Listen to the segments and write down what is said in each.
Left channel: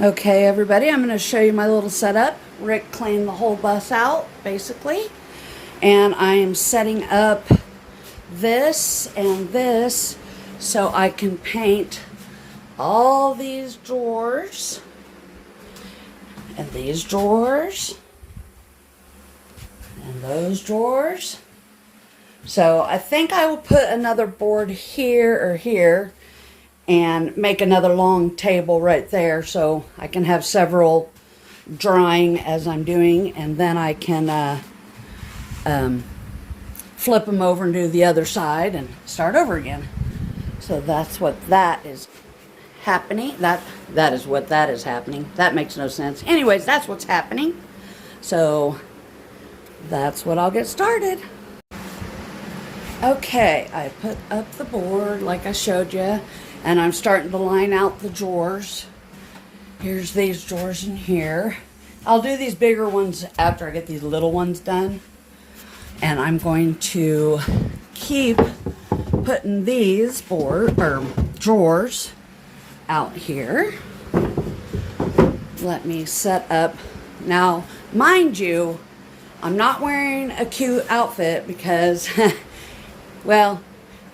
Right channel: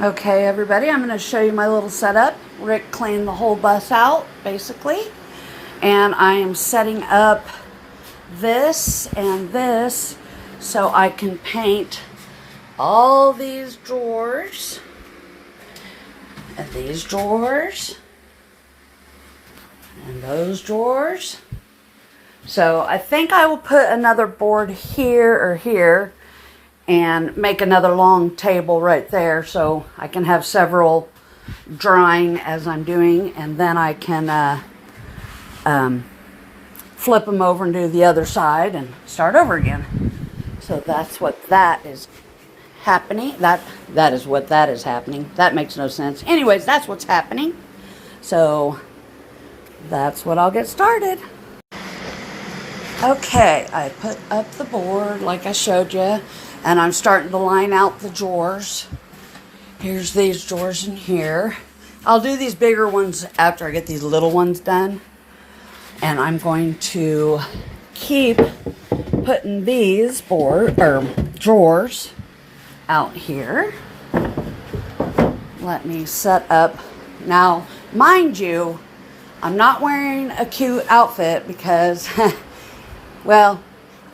Okay, everybody, I'm going to show you my little setup. Rick cleaned the whole bus out, basically. And I am setting up this and this so I can paint all these drawers and these drawers and those drawers. So I think I will put another board here or here and make another long table right there so I can have several drying as I'm doing, and then I can flip them over and do the other side and start over again. So that's what that is happening. That is what that is happening. That makes no sense. Anyways, that's what's happening. So that's what I'll get started. Okay, I put up the board like I showed you, and I'm starting to line out the drawers. Here's these drawers in here. I'll do these bigger ones after I get these little ones done. And I'm going to keep putting these drawers out here. Let me set up. Now, mind you, I'm not wearing a cute outfit because well,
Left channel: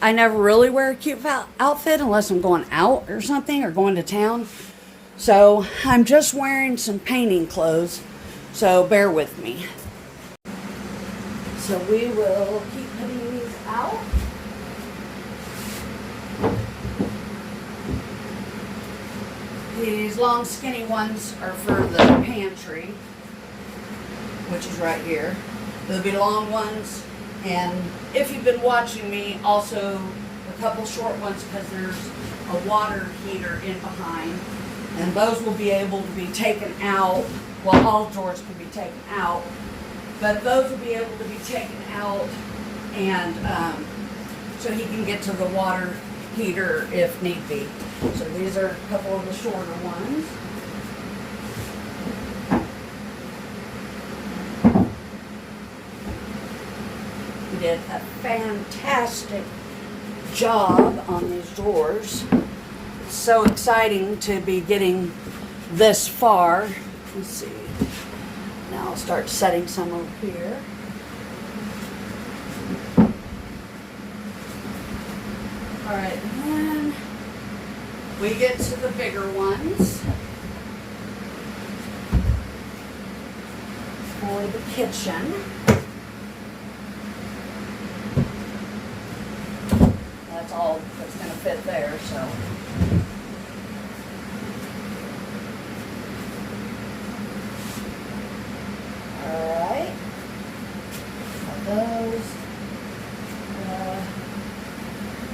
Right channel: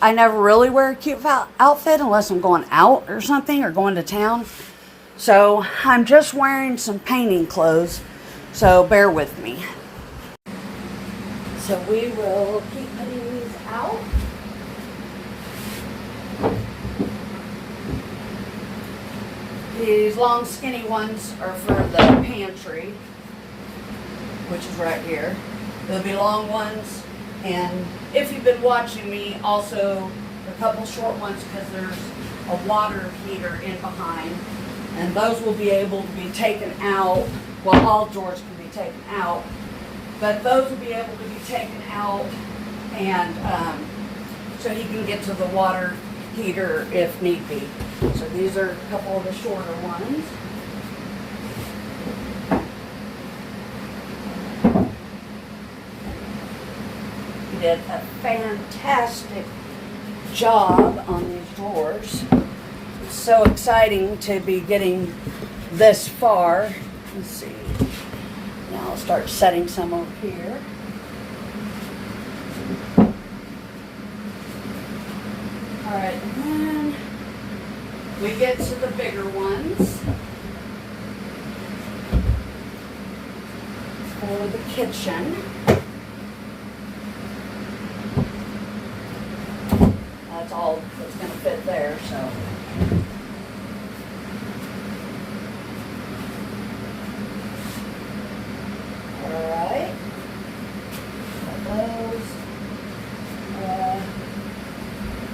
I never really wear a cute outfit unless I'm going out or something or going to town. So I'm just wearing some painting clothes. So bear with me. So we will keep putting these out. These long skinny ones are for the pantry, which is right here. There'll be long ones. And if you've been watching me, also a couple short ones because there's a water heater in behind. And those will be able to be taken out. Well, all drawers can be taken out. But those will be able to be taken out and so he can get to the water heater if need be. So these are a couple of the shorter ones. Did a fantastic job on these drawers. It's so exciting to be getting this far. Let's see. Now I'll start setting some over here. All right, and then we get to the bigger ones for the kitchen. That's all that's going to fit there, so. Alright. Got those.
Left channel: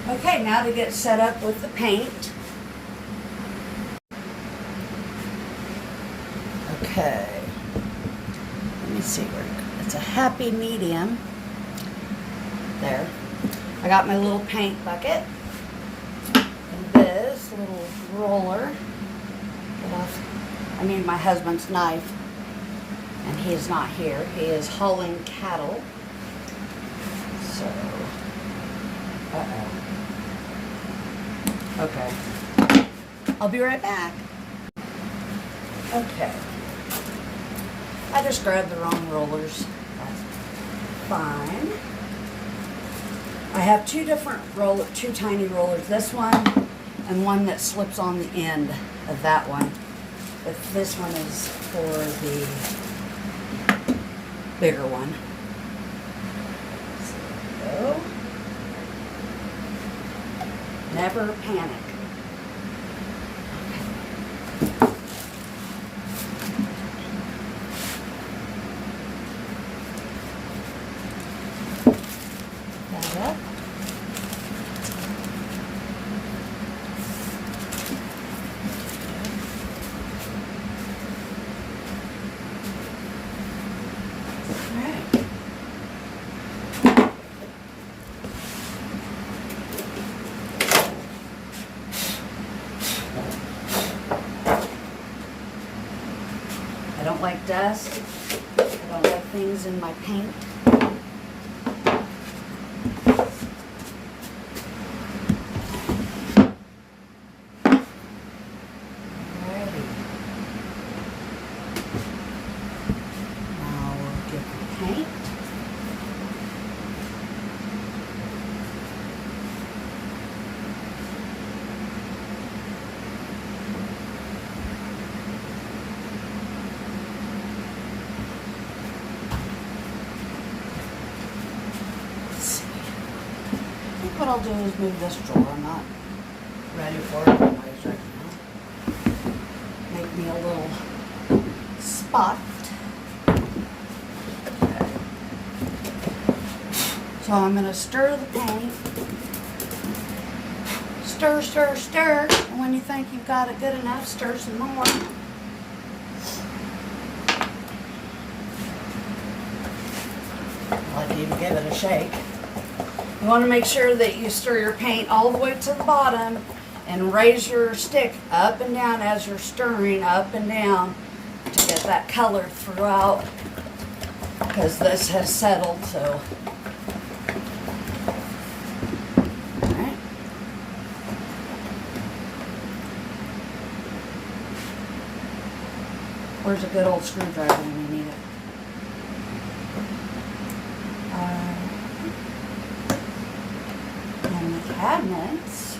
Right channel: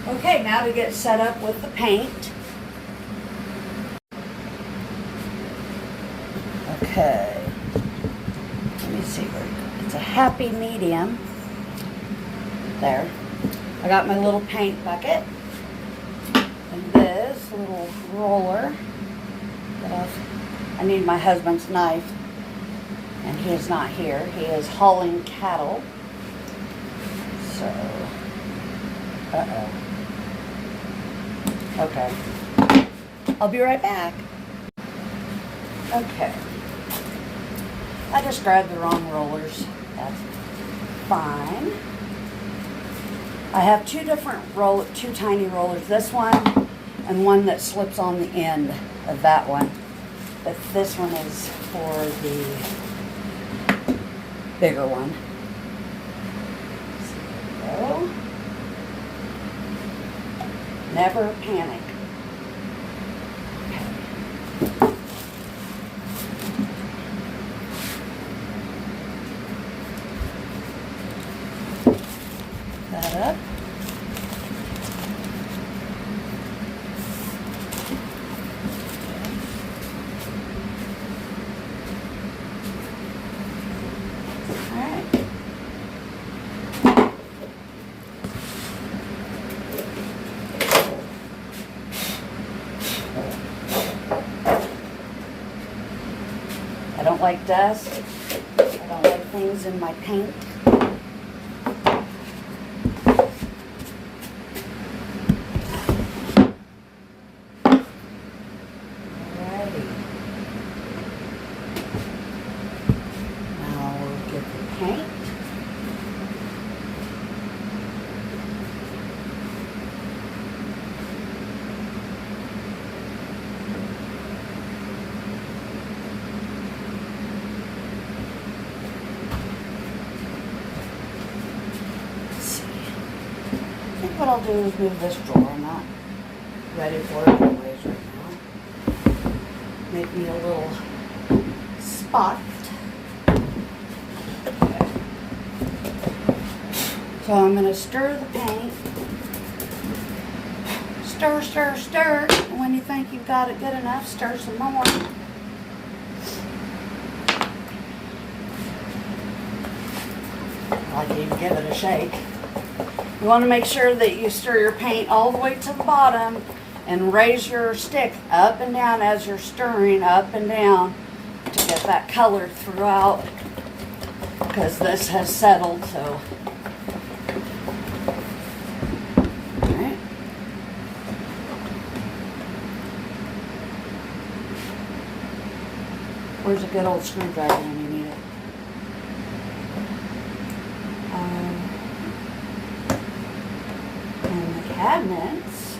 Okay, now to get set up with the paint. Okay. Let me see where it's a happy medium. There. I got my little paint bucket and this little roller. I need my husband's knife, and he is not here. He is hauling cattle. So, okay. I'll be right back. Okay. I just grabbed the wrong rollers. That's fine. I have two tiny rollers. This one and one that slips on the end of that one. But this one is for the bigger one. So, never panic. I don't like dust. I don't like things in my paint. Alrighty. I'll do is move this drawer. I'm not ready for it anyways right now. Make me a little spot. Okay. So I'm going to stir the paint. Stir, stir, stir. And when you think you've got it good enough, stir some more. I like to even give it a shake. You want to make sure that you stir your paint all the way to the bottom and raise your stick up and down as you're stirring, up and down, to get that color throughout, because this has settled. So alright. Where's a good old screwdriver when you need it? And the cabinets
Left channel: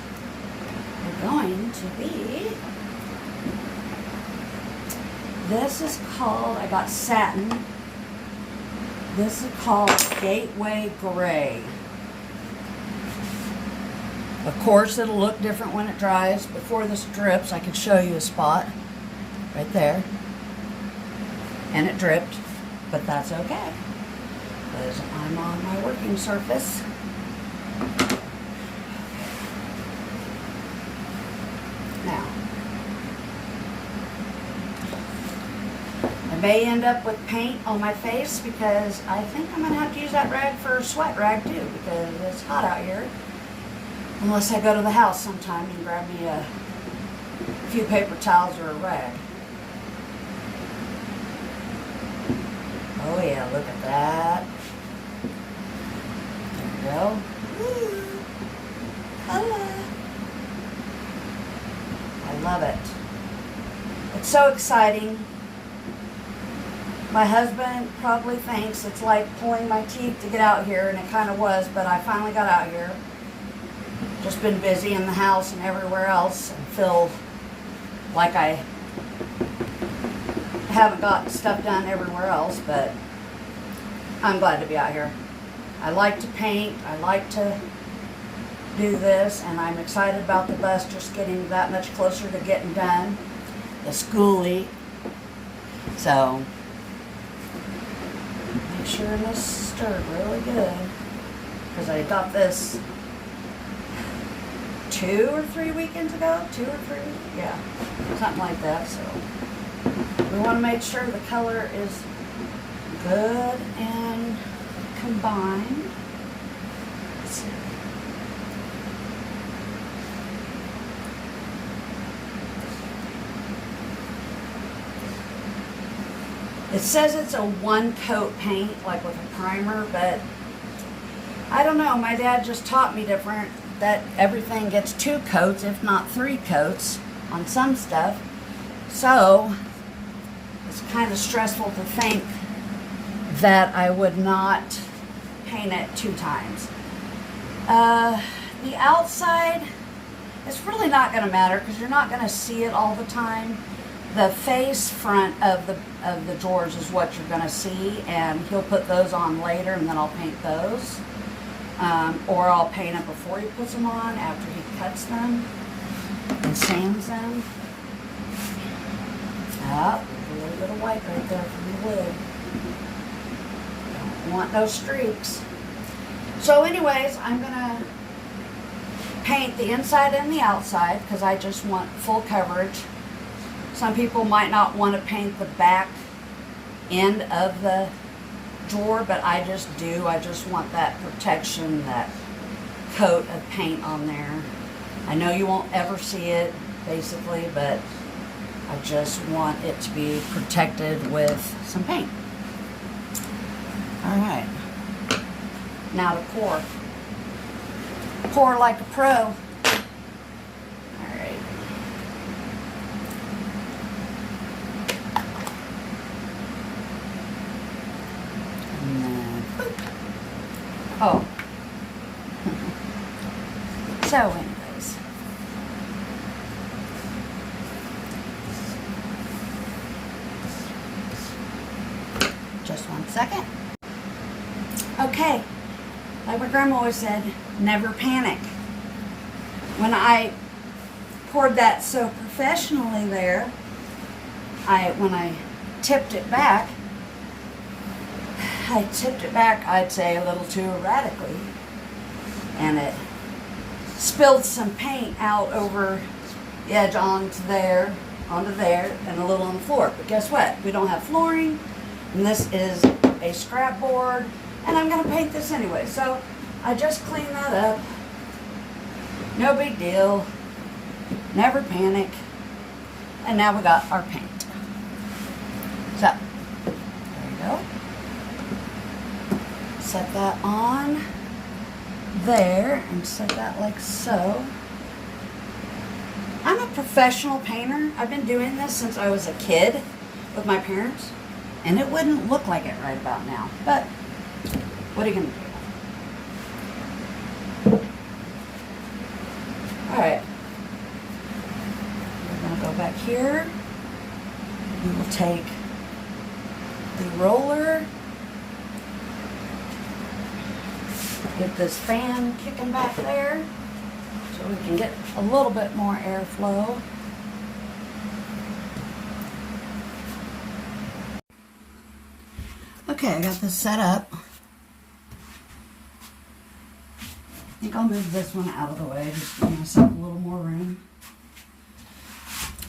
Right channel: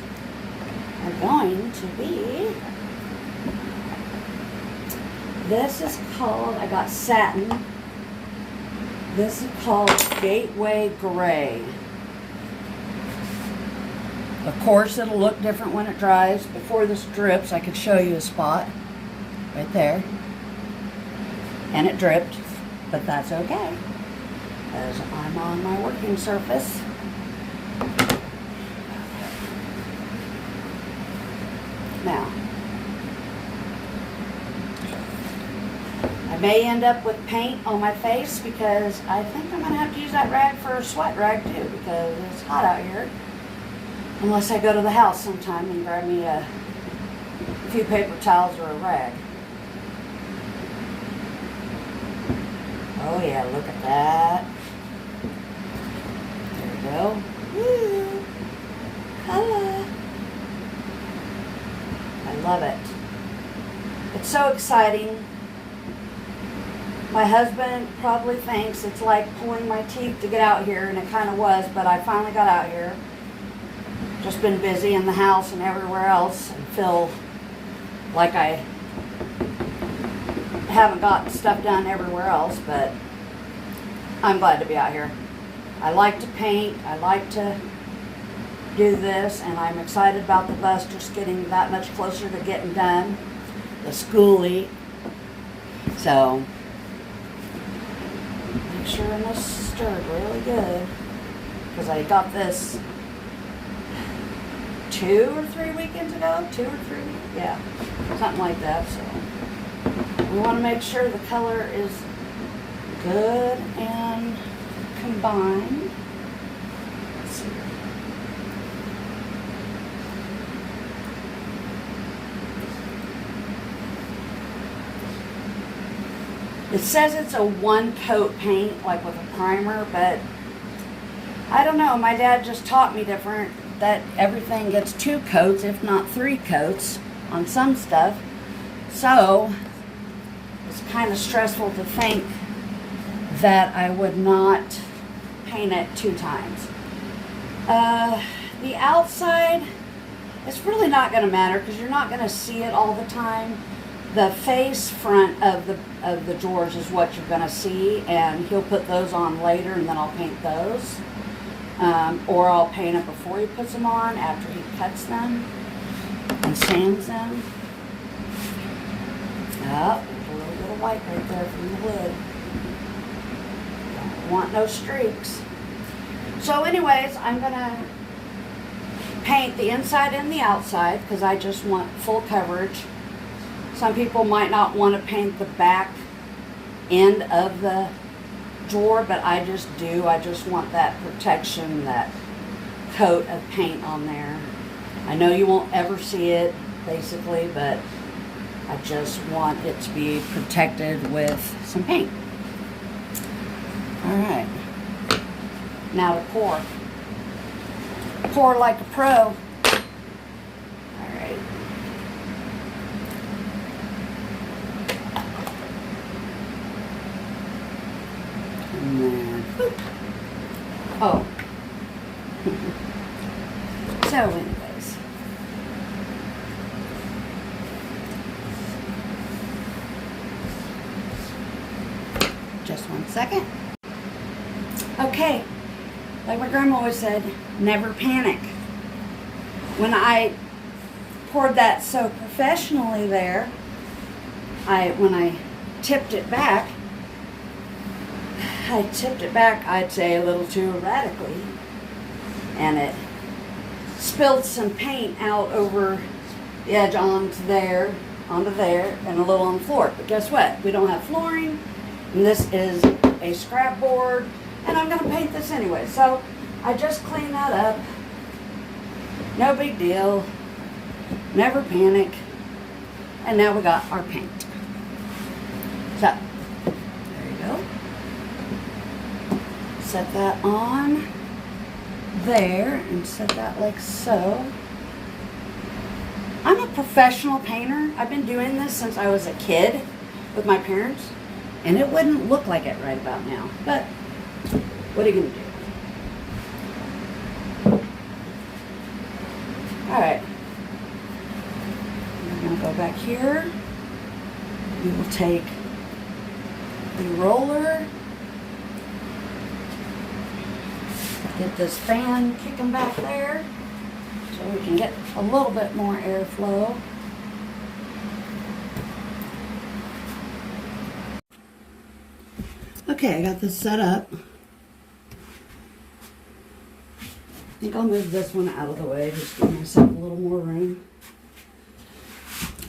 are going to be, this is called, I got satin. This is called Gateway Gray. Of course, it'll look different when it dries. Before this drips, I could show you a spot right there. And it dripped, but that's okay, because I'm on my working surface. Now, I may end up with paint on my face because I think I'm going to have to use that rag for a sweat rag too, because it's hot out here. Unless I go to the house sometime and grab me a few paper towels or a rag. Oh yeah, look at that. There we go. Woo! Color. I love it. It's so exciting. My husband probably thinks it's like pulling my teeth to get out here, and it kind of was, but I finally got out here. Just been busy in the house and everywhere else, and feel like I haven't got stuff done everywhere else, but I'm glad to be out here. I like to paint, I like to do this, and I'm excited about the bus just getting that much closer to getting done. The Skoolie. So, make sure this is stirred really good, because I got this 2 or 3 weekends ago. 2 or 3 weeks? Yeah, something like that. So we want to make sure the color is good and combined. Let's see. It says it's a one coat paint, like with a primer, but I don't know. My dad just taught me different, that everything gets 2 coats, if not 3 coats on some stuff. So it's kind of stressful to think that I would not paint it 2 times. The outside, it's really not going to matter because you're not going to see it all the time. The face front of the drawers is what you're going to see, and he'll put those on later, and then I'll paint those. Or I'll paint them before he puts them on, after he cuts them and sands them. Oh, there's a little bit of white right there from the lid. Don't want no streaks. So anyways, I'm going to paint the inside and the outside because I just want full coverage. Some people might not want to paint the back end of the drawer, but I just do. I just want that protection, that coat of paint on there. I know you won't ever see it, basically, but I just want it to be protected with some paint. All right. Now to pour. Pour like a pro. All right. And then, boop. Oh. So anyways. Just 1 second. Okay. Like my grandma always said, never panic. When I poured that so professionally there, when I tipped it back, I'd say a little too erratically, and it spilled some paint out over the edge onto there, and a little on the floor. But guess what? We don't have flooring, and this is a scrap board, and I'm going to paint this anyway. So I just cleaned that up. No big deal. Never panic. And now we got our paint. So, there you go. Set that on there and set that like so. I'm a professional painter. I've been doing this since I was a kid with my parents, and it wouldn't look like it right about now. But what are you going to do? Alright. We're going to go back here. We will take the roller. Get this fan kicking back there so we can get a little bit more airflow. Okay, I got this set up. I think I'll move this one out of the way, just to give myself a little more room.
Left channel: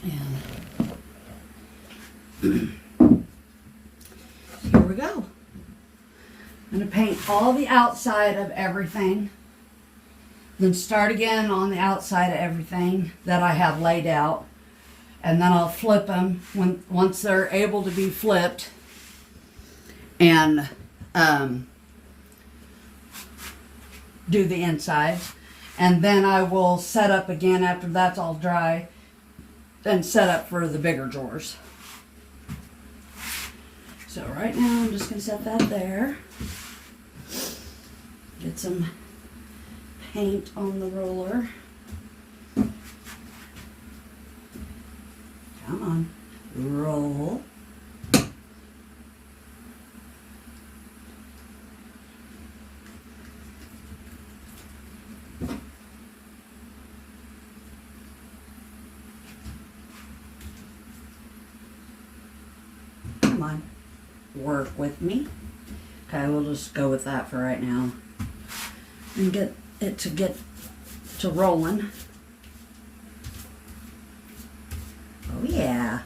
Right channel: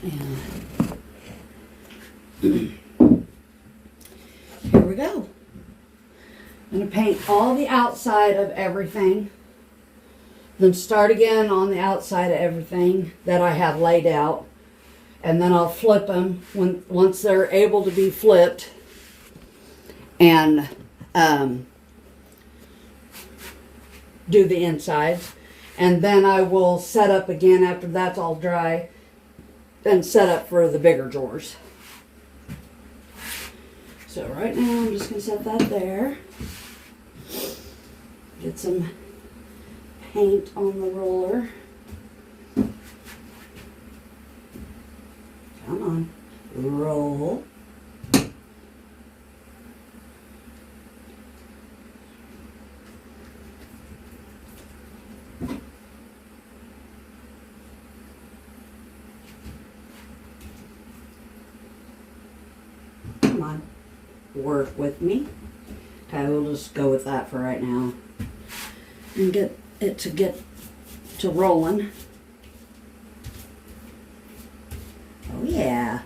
And here we go. I'm going to paint all the outside of everything. Then start again on the outside of everything that I have laid out. And then I'll flip them once they're able to be flipped. And do the insides. And then I will set up again after that's all dry. Then set up for the bigger drawers. So right now I'm just going to set that there. Get some paint on the roller. Come on. Roll. Come on. Work with me. Okay, we'll just go with that for right now. And get it to rolling. Oh yeah.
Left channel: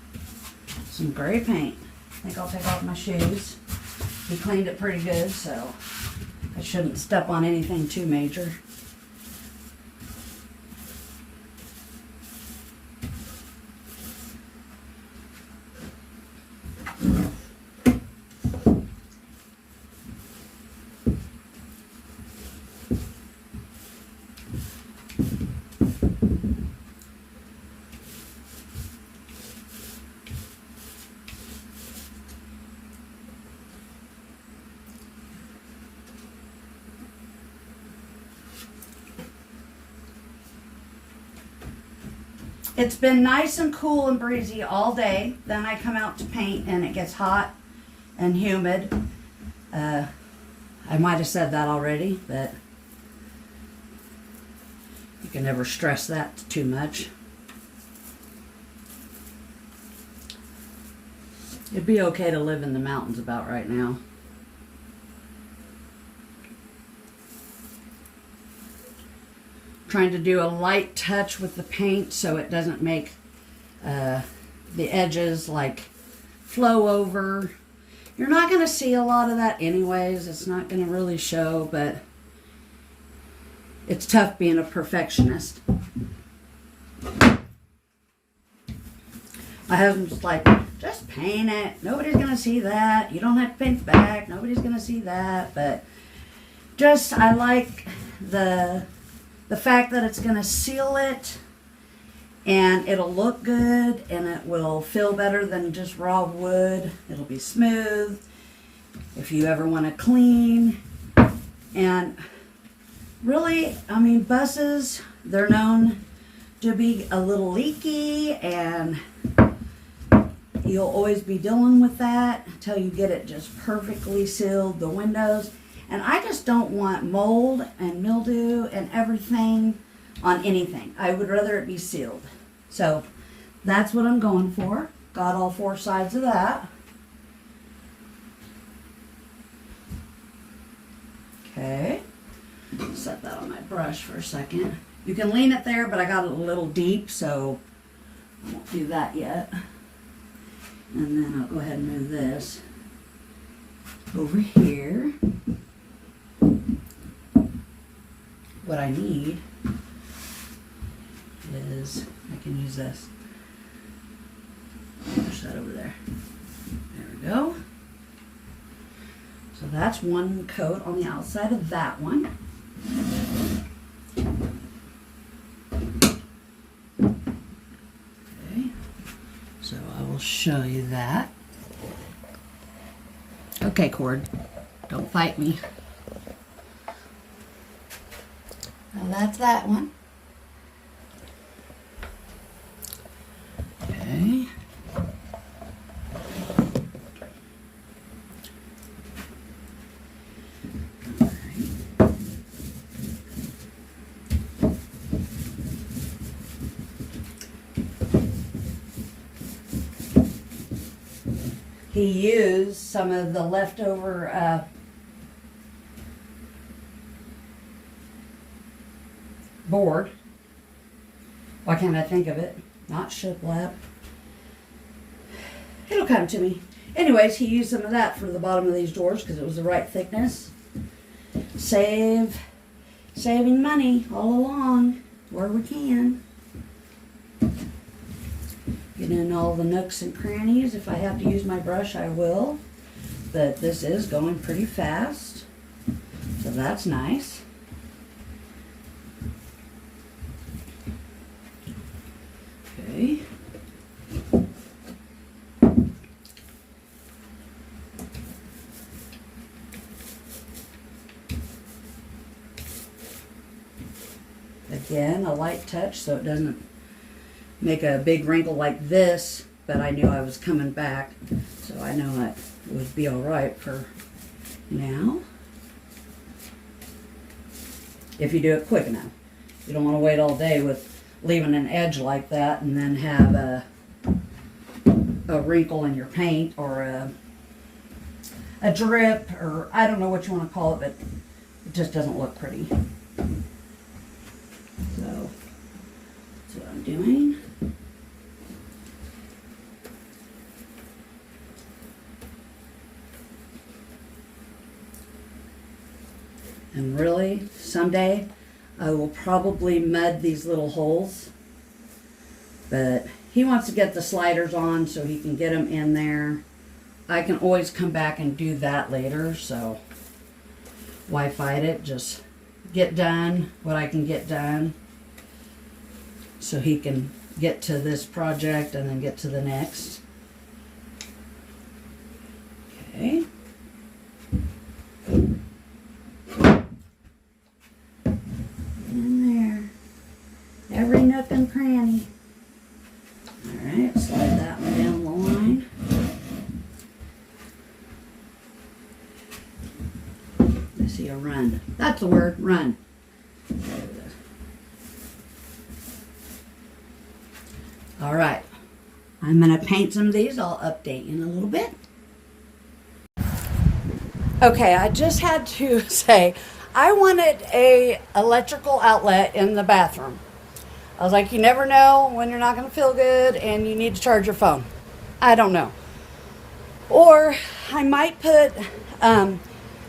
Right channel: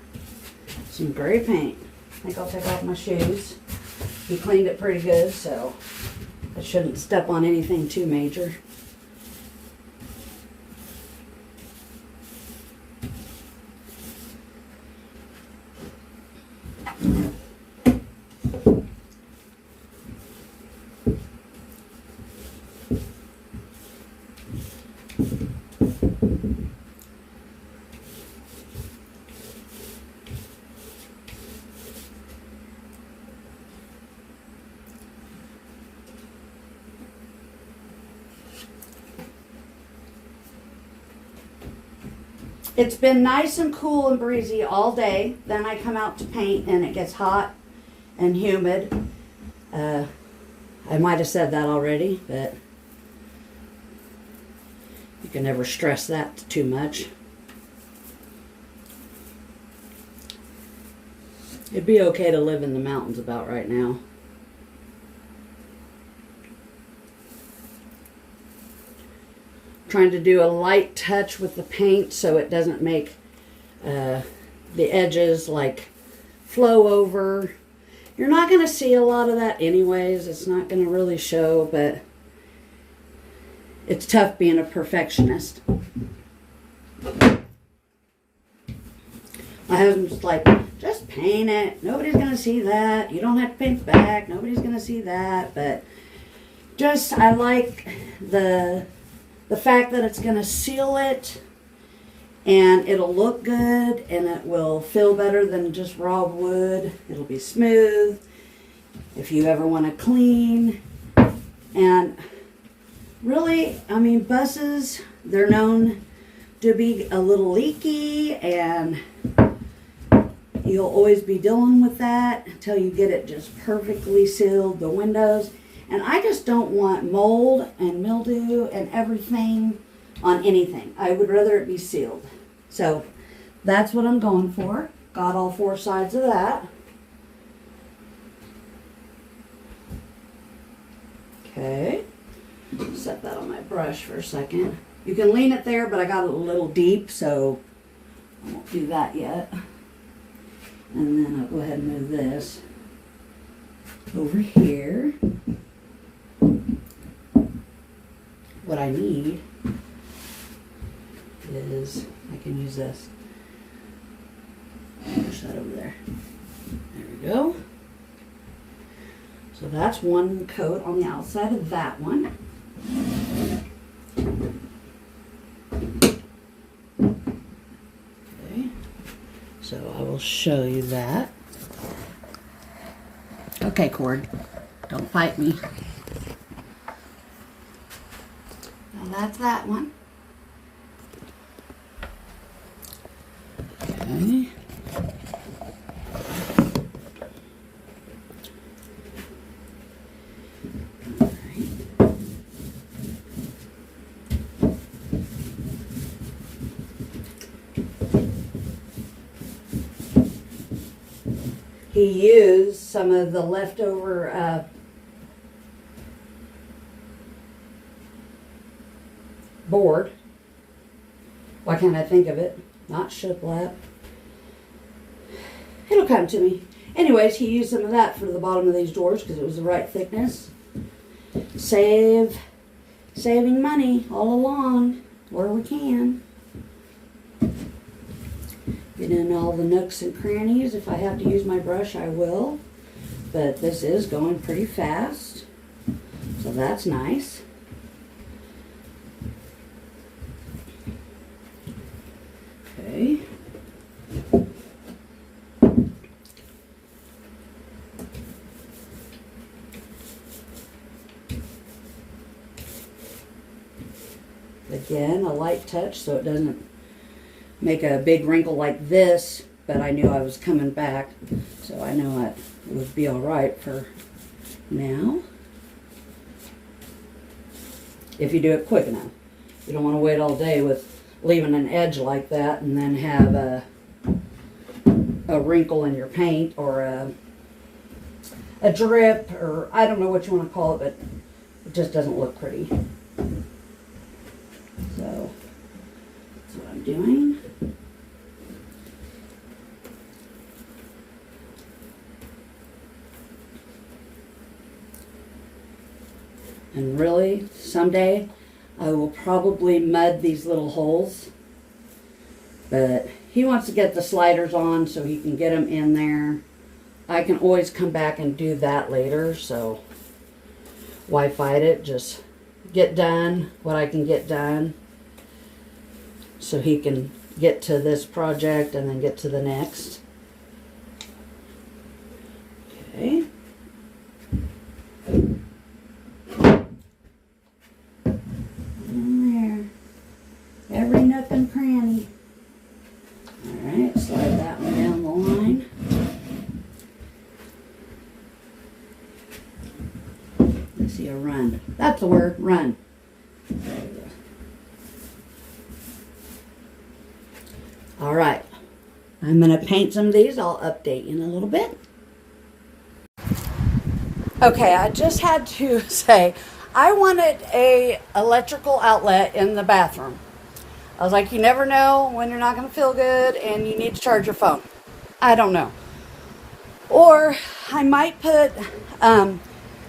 Some gray paint. I think I'll take off my shoes. He cleaned it pretty good, so I shouldn't step on anything too major. It's been nice and cool and breezy all day. Then I come out to paint and it gets hot and humid. I might have said that already, but you can never stress that too much. It'd be okay to live in the mountains about right now. Trying to do a light touch with the paint so it doesn't make the edges like flow over. You're not going to see a lot of that anyways. It's not going to really show, but it's tough being a perfectionist. My husband's like, just paint it. Nobody's going to see that. You don't have to paint back. Nobody's going to see that. But just, I like the fact that it's going to seal it and it'll look good and it will feel better than just raw wood. It'll be smooth if you ever want to clean. And really, I mean, buses, they're known to be a little leaky, and you'll always be dealing with that until you get it just perfectly sealed. The windows, And I just don't want mold and mildew and everything on anything. I would rather it be sealed. So that's what I'm going for. Got all 4 sides of that. Okay. Set that on my brush for a second. You can lean it there, but I got it a little deep, so I won't do that yet. And then I'll go ahead and move this over here. What I need is, I can use this. Push that over there. There we go. So that's one coat on the outside of that one. Okay. So I will show you that. Okay, cord. Don't fight me. Now that's that one. Okay. He used some of the leftover board. Why can't I think of it? Not shiplap. It'll come to me. Anyways, he used some of that for the bottom of these doors because it was the right thickness. Saving money all along where we can. Get in all the nooks and crannies. If I have to use my brush, I will. But this is going pretty fast. So that's nice. Okay. Again, a light touch so it doesn't make a big wrinkle like this, but I knew I was coming back, so I know it would be all right for now. If you do it quick enough. You don't want to wait all day with leaving an edge like that and then have a wrinkle in your paint or a drip, or I don't know what you want to call it, but it just doesn't look pretty. So that's what I'm doing. And really, someday I will probably mud these little holes. But he wants to get the sliders on so he can get them in there. I can always come back and do that later, so why fight it? Just get done what I can get done so he can get to this project and then get to the next. Okay. In there. Every nook and cranny. Alright, slide that one down the line. I see a run. That's the word, run. Alright, I'm going to paint some of these. I'll update you in a little bit. Okay, I just had to say, I wanted a electrical outlet in the bathroom. I was like, you never know when you're not going to feel good and you need to charge your phone. I don't know. Or I might put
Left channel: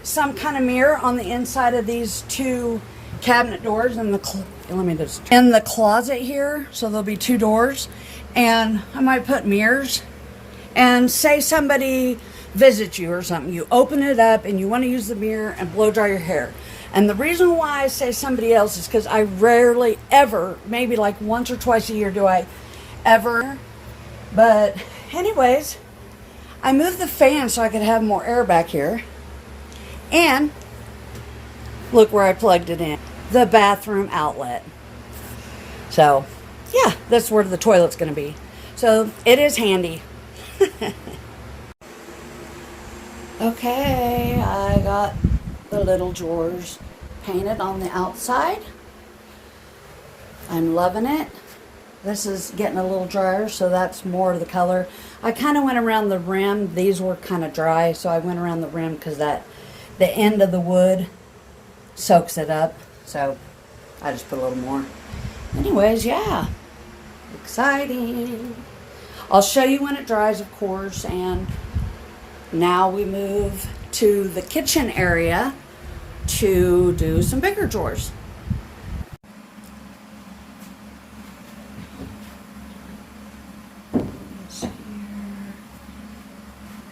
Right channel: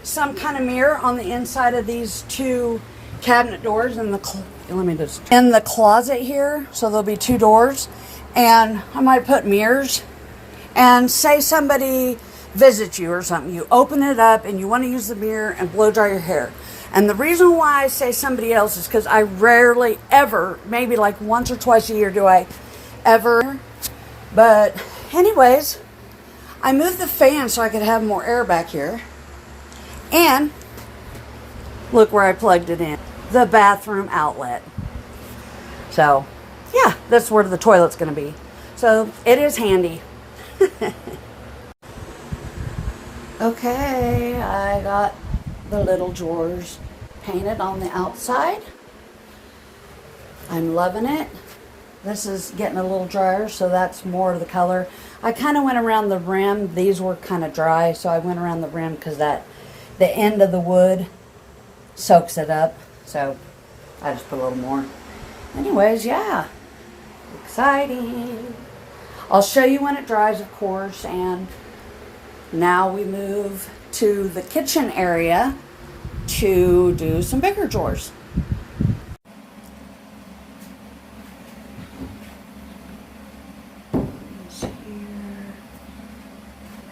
some kind of mirror on the inside of these 2 cabinet doors in the closet here. So there'll be 2 doors. And I might put mirrors. And say somebody visits you or something. You open it up and you want to use the mirror and blow dry your hair. And the reason why I say somebody else is because I rarely ever, maybe like once or twice a year do I ever. But anyways, I moved the fan so I could have more air back here. And look where I plugged it in. The bathroom outlet. So yeah, that's where the toilet's going to be. So it is handy. Okay, I got the little drawers painted on the outside. I'm loving it. This is getting a little drier, so that's more of the color. I kind of went around the rim. These were kind of dry, so I went around the rim because the end of the wood soaks it up. So I just put a little more. Anyways, yeah. Exciting. I'll show you when it dries, of course, and now we move to the kitchen area to do some bigger drawers.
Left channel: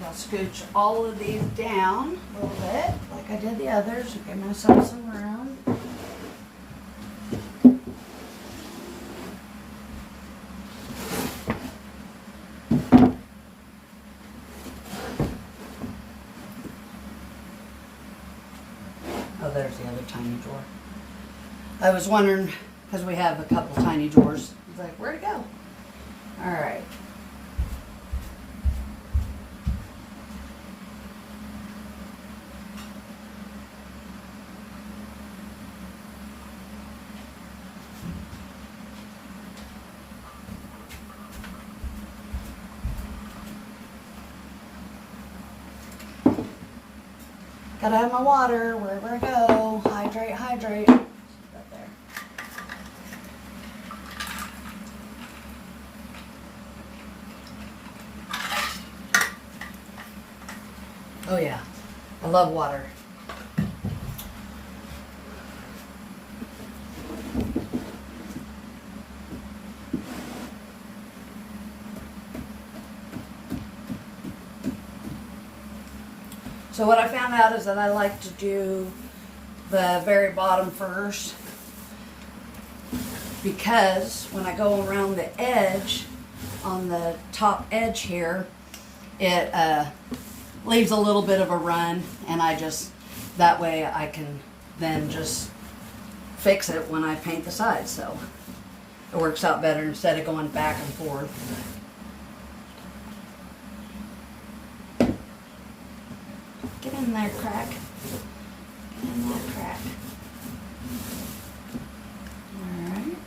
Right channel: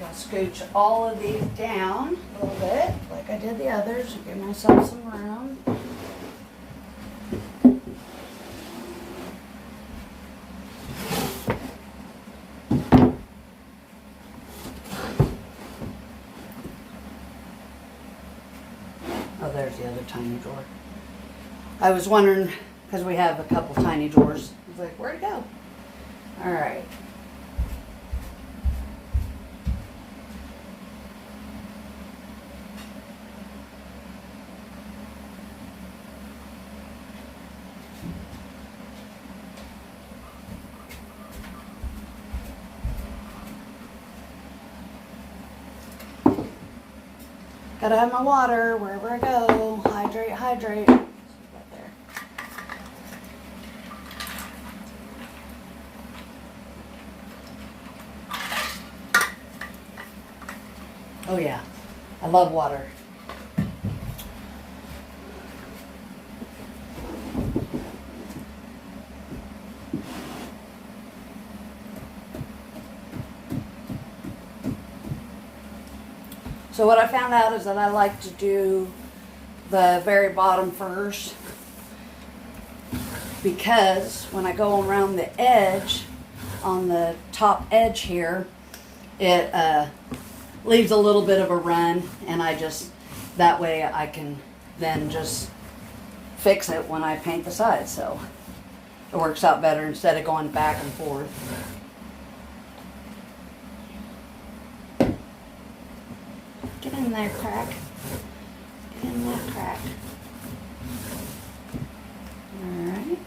I'll scooch all of these down a little bit, like I did the others, and give myself some room. Oh, there's the other tiny drawer. I was wondering, because we have a couple tiny drawers. I was like, where'd it go? All right. Gotta have my water wherever I go. Hydrate, hydrate. Right there. Oh yeah, I love water. So what I found out is that I like to do the very bottom first, because when I go around the edge, on the top edge here, it leaves a little bit of a run, and that way I can then just fix it when I paint the sides, so it works out better instead of going back and forth. Get in there, crack. Get in there, crack. All right.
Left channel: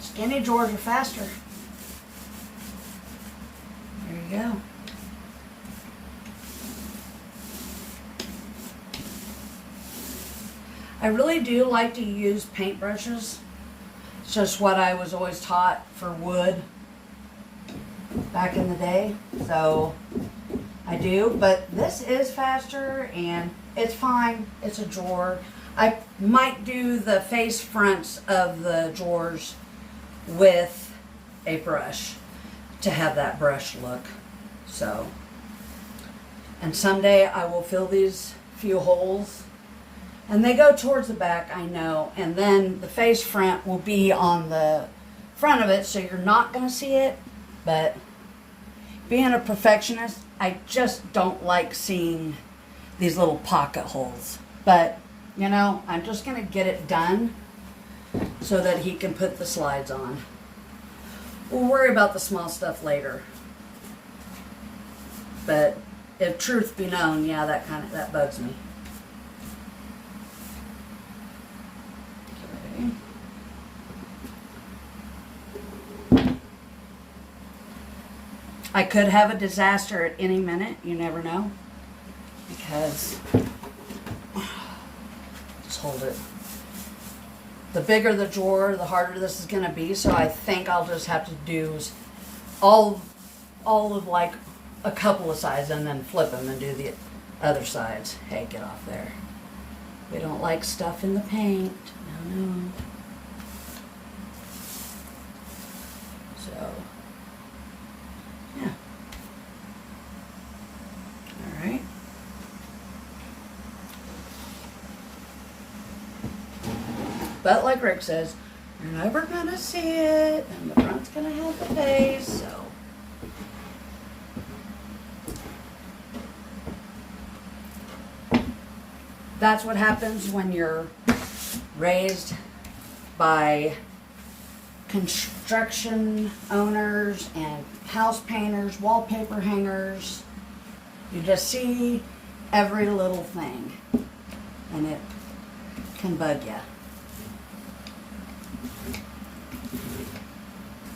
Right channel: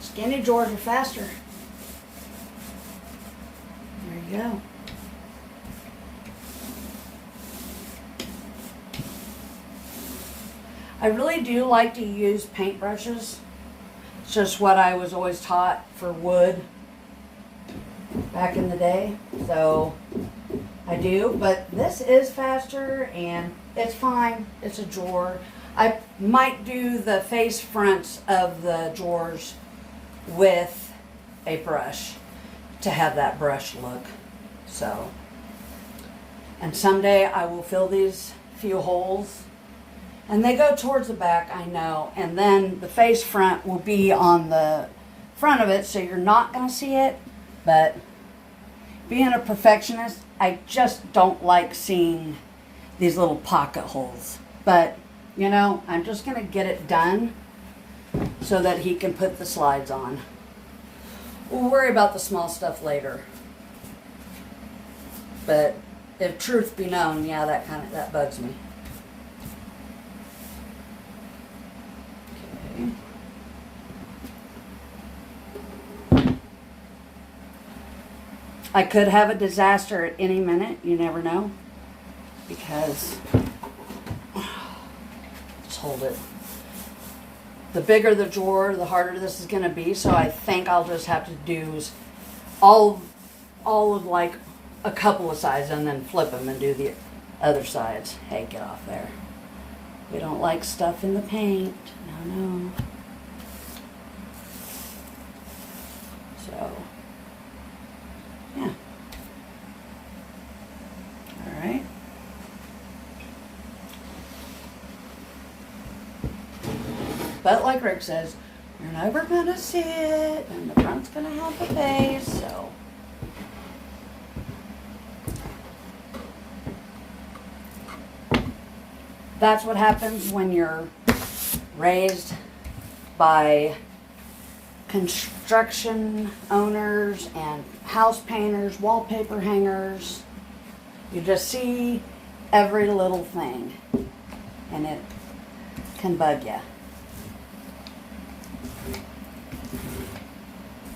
Skinny drawers are faster. There you go. I really do like to use paintbrushes. It's just what I was always taught for wood back in the day. So I do, but this is faster and it's fine. It's a drawer. I might do the face fronts of the drawers with a brush to have that brush look. So, and someday I will fill these few holes, and they go towards the back, I know, and then the face front will be on the front of it, so you're not going to see it. But being a perfectionist, I just don't like seeing these little pocket holes. But you know, I'm just going to get it done so that he can put the slides on. We'll worry about the small stuff later. But if truth be known, yeah, that bugs me. Okay. I could have a disaster at any minute, you never know. Because just hold it. The bigger the drawer, the harder this is going to be. So I think I'll just have to do all of like a couple of sides and then flip them and do the other sides. Hey, get off there. We don't like stuff in the paint. No. So, yeah. But like Rick says, you're never going to see it, and the front's going to have the face, so. That's what happens when you're raised by construction owners and house painters, wallpaper hangers. You just see every little thing, and it can bug you.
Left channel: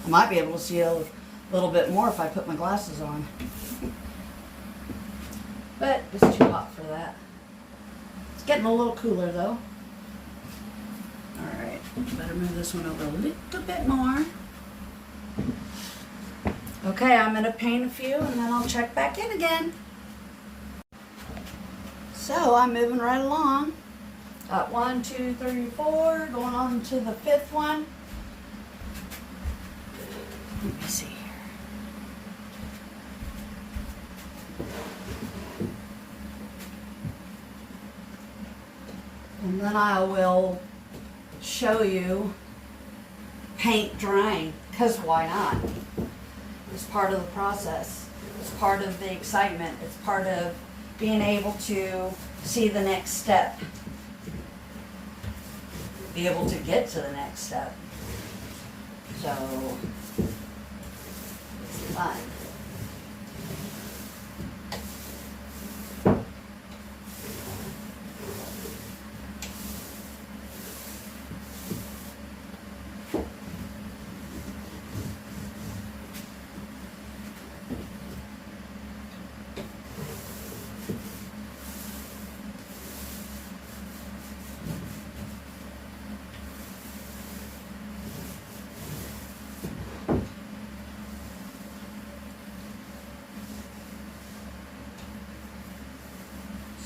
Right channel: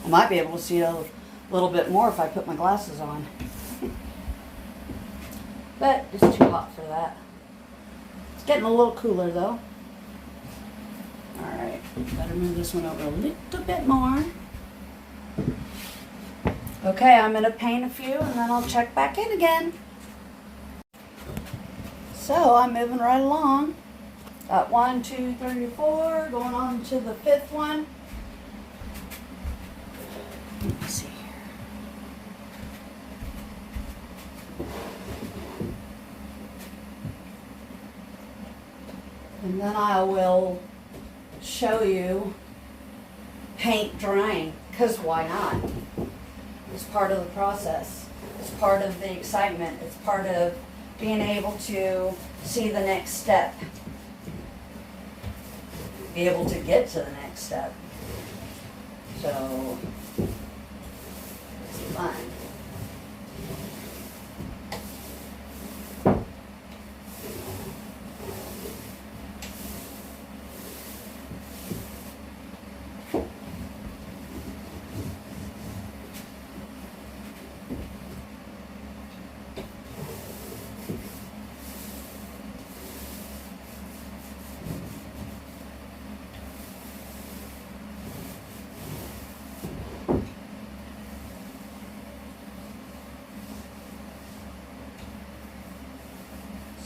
I might be able to see a little bit more if I put my glasses on. But it's too hot for that. It's getting a little cooler though. Alright, better move this one over a little bit more. Okay, I'm going to paint a few and then I'll check back in again. So I'm moving right along. Got 1, 2, 3, 4, going on to the 5th one. Let me see here. And then I will show you paint drying, because why not? It's part of the process. It's part of the excitement. It's part of being able to see the next step. Be able to get to the next step. So, it's fun.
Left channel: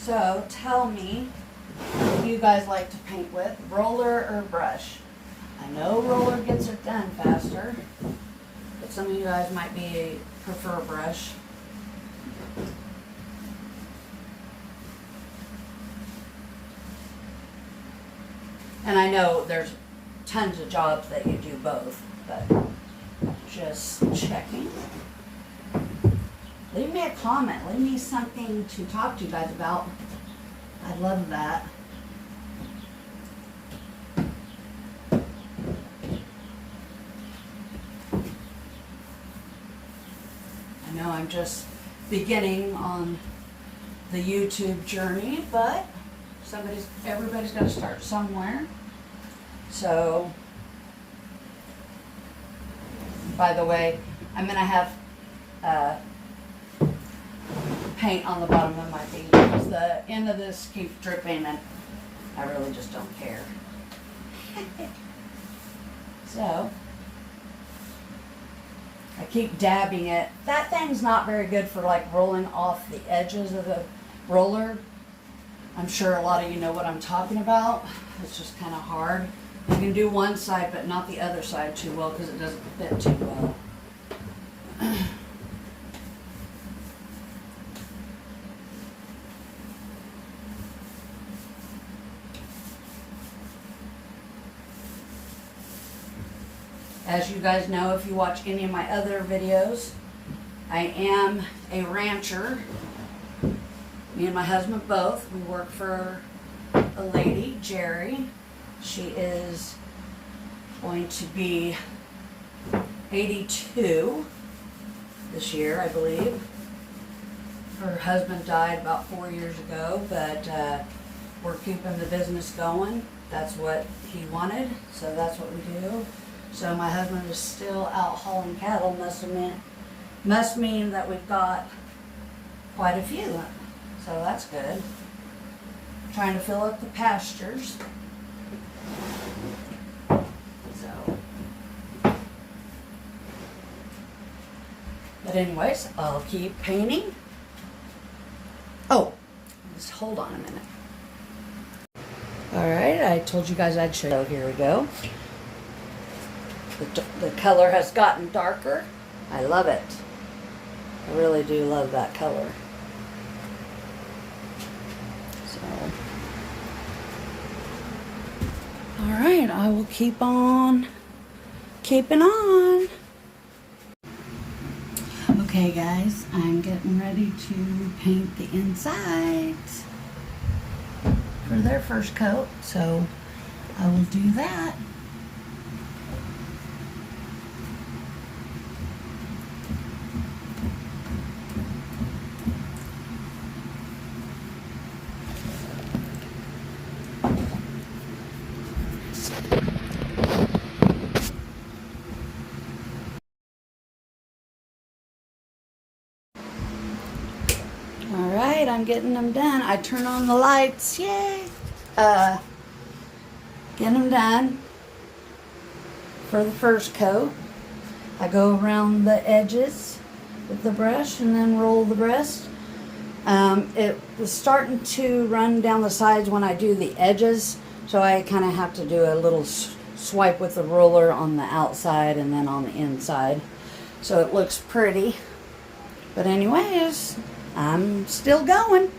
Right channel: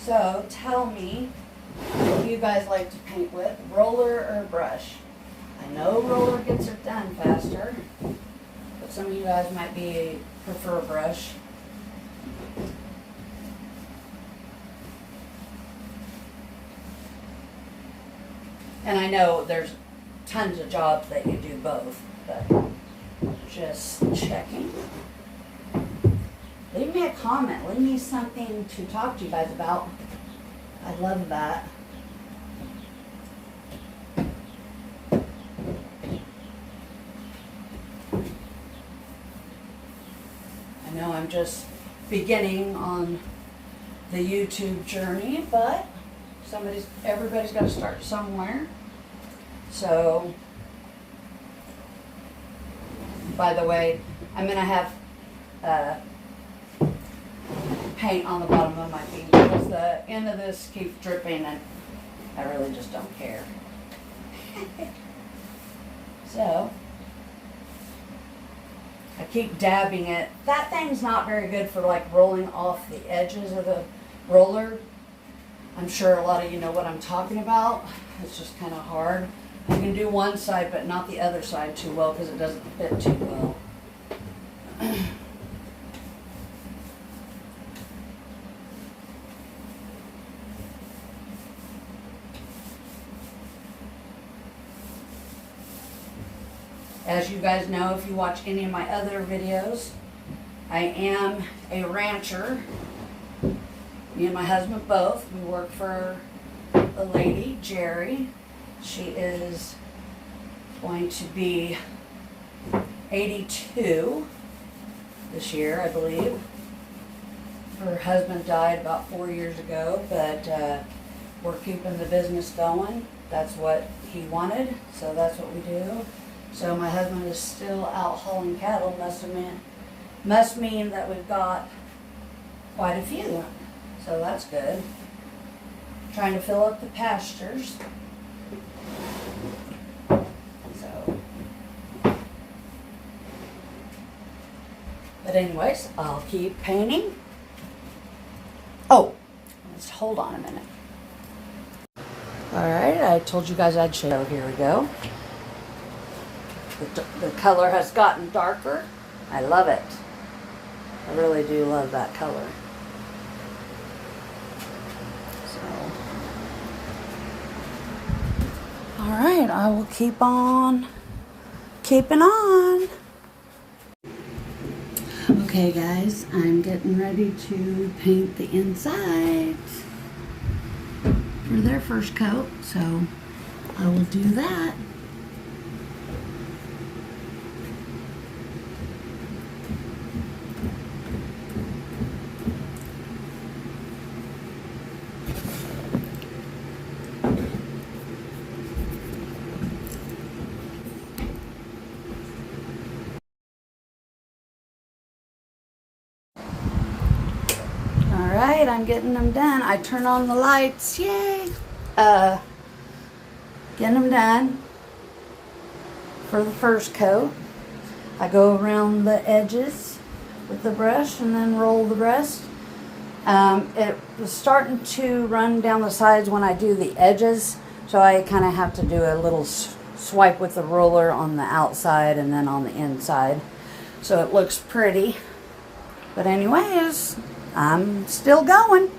So tell me what you guys like to paint with, roller or brush. I know roller gets it done faster, but some of you guys might prefer brush. And I know there's tons of jobs that you do both, but just checking. Leave me a comment. Leave me something to talk to you guys about. I love that. I know I'm just beginning on the YouTube journey, but everybody's got to start somewhere. So, by the way, I'm going to have paint on the bottom of my feet because the end of this keeps dripping and I really just don't care. So, I keep dabbing it. That thing's not very good for like rolling off the edges of the roller. I'm sure a lot of you know what I'm talking about. It's just kind of hard. You can do one side but not the other side too well because it doesn't fit too well. As you guys know, if you watch any of my other videos, I am a rancher. Me and my husband both. We work for a lady, Jerry. She is going to be 82 this year, I believe. Her husband died about 4 years ago, but we're keeping the business going. That's what he wanted, so that's what we do. So my husband is still out hauling cattle. Must mean that we've got quite a few. So that's good. Trying to fill up the pastures. So, but anyways, I'll keep painting. Oh, just hold on a minute. All right, I told you guys I'd show you. Here we go. The color has gotten darker. I love it. I really do love that color. So, All right, I will keep on keeping on. Okay guys, I'm getting ready to paint the insides for their first coat, so I will do that. Alright, I'm getting them done. I turn on the lights. Yay! Getting them done for the first coat. I go around the edges with the brush and then roll the rest. It was starting to run down the sides when I do the edges, so I kind of have to do a little swipe with the roller on the outside and then on the inside, so it looks pretty. But anyways, I'm still going.